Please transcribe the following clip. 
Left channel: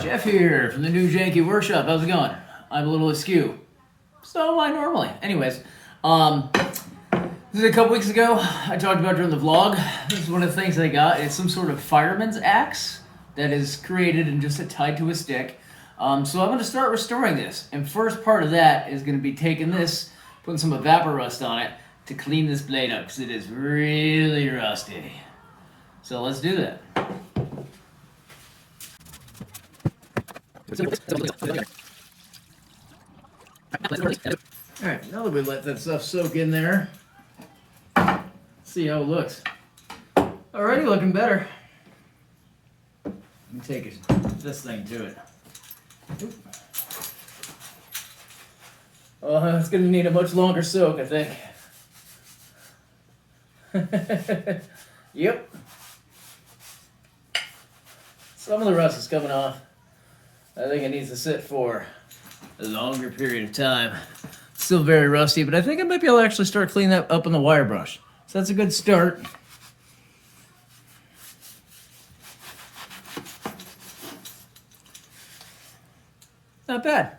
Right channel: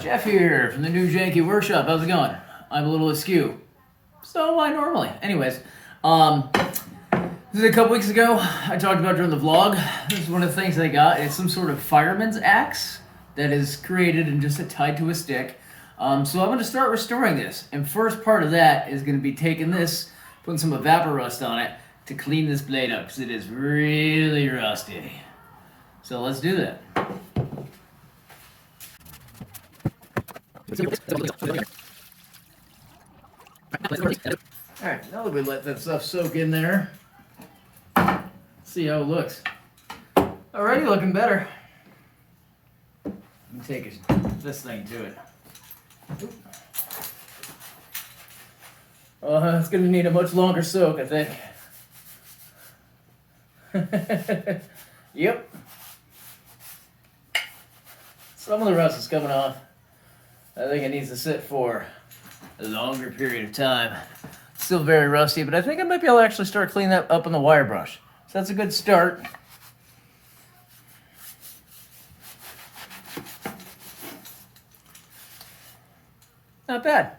Jeff here from the new Janky Workshop. How's it going? I'm a little askew. So am I normally. Anyways, this is a couple weeks ago. I talked about during the vlog. This is one of the things I got. It's some sort of fireman's axe that is created and just tied to a stick. So I'm going to start restoring this. And first part of that is going to be taking this, putting some evapor rust on it to clean this blade up because it is really rusty. So let's do that. Alright, now that we let that stuff soak in there, let's see how it looks. Already looking better. Let me take this thing to it. It's going to need a much longer soak, I think. Yep. Some of the rust is coming off. I think it needs to sit for a longer period of time. Still very rusty, but I think I might be able to actually start cleaning that up on the wire brush. So that's a good start. Not bad.